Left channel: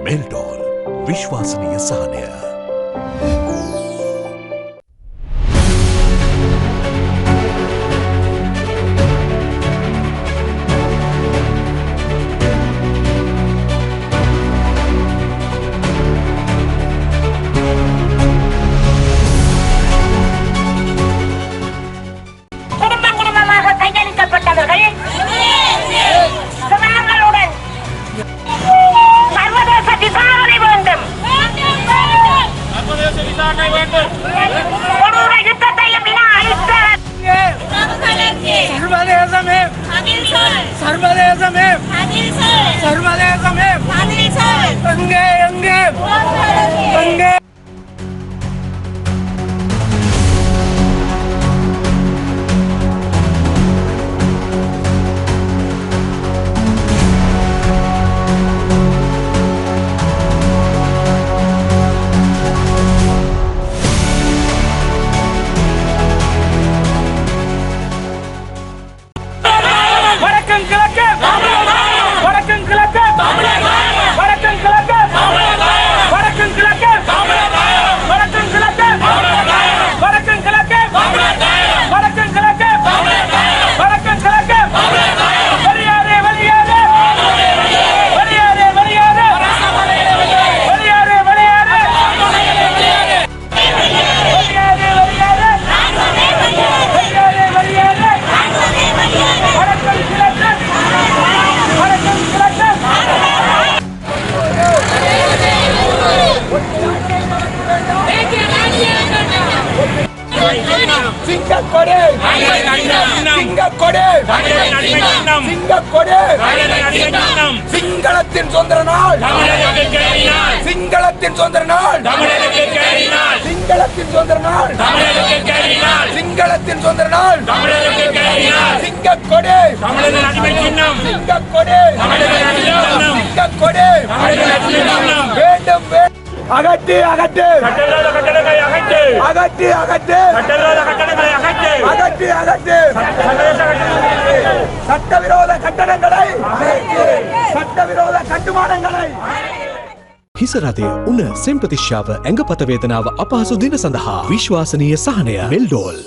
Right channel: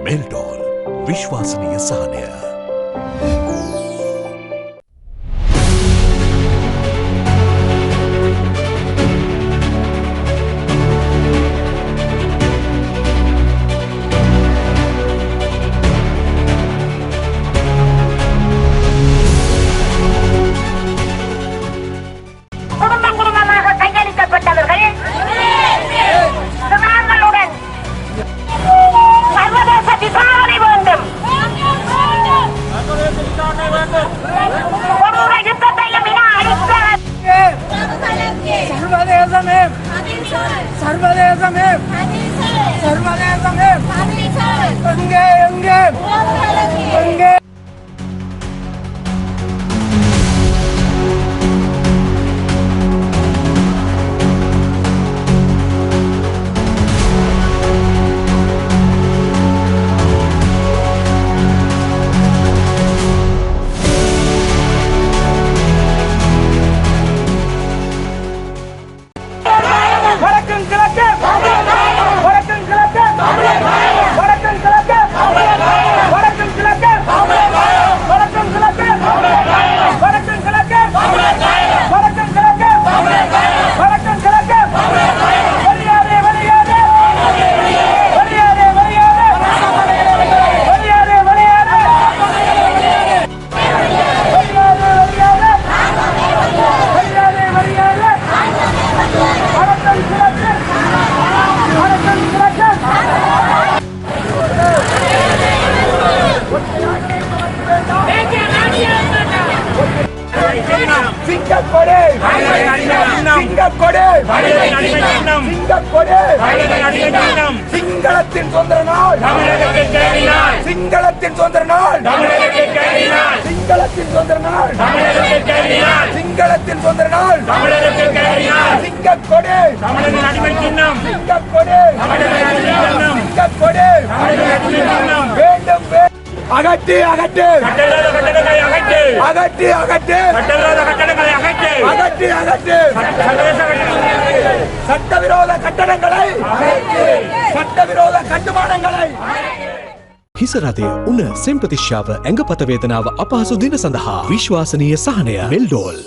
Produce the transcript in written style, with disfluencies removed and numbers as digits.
मेल्टॉल विश्वसनीय सहाय। சிங்களத்தின் சுதந்திர நாள் சிங்களத்தின் சுதந்திர நாள் சிங்களத்தின் சுதந்திர நாள் சிங்களத்தின் சுதந்திர நாள் சிங்கக்கொடி சிங்கக்கொடி சிங்கக்கொடி வேண்டும் அகற்றி அகற்றி அகற்றி அகற்றி அகற்றி அகற்றி சட்டவிரோத கட்டடங்களை சட்டவிரோத கட்டுமானங்களை හිසරදය උන සෙම්පතිශ්‍යාව ඇඟපත වේදනාව අපහසු දින සඳහා විශ්වාසනීය සහනය මෙල්ඩෝල්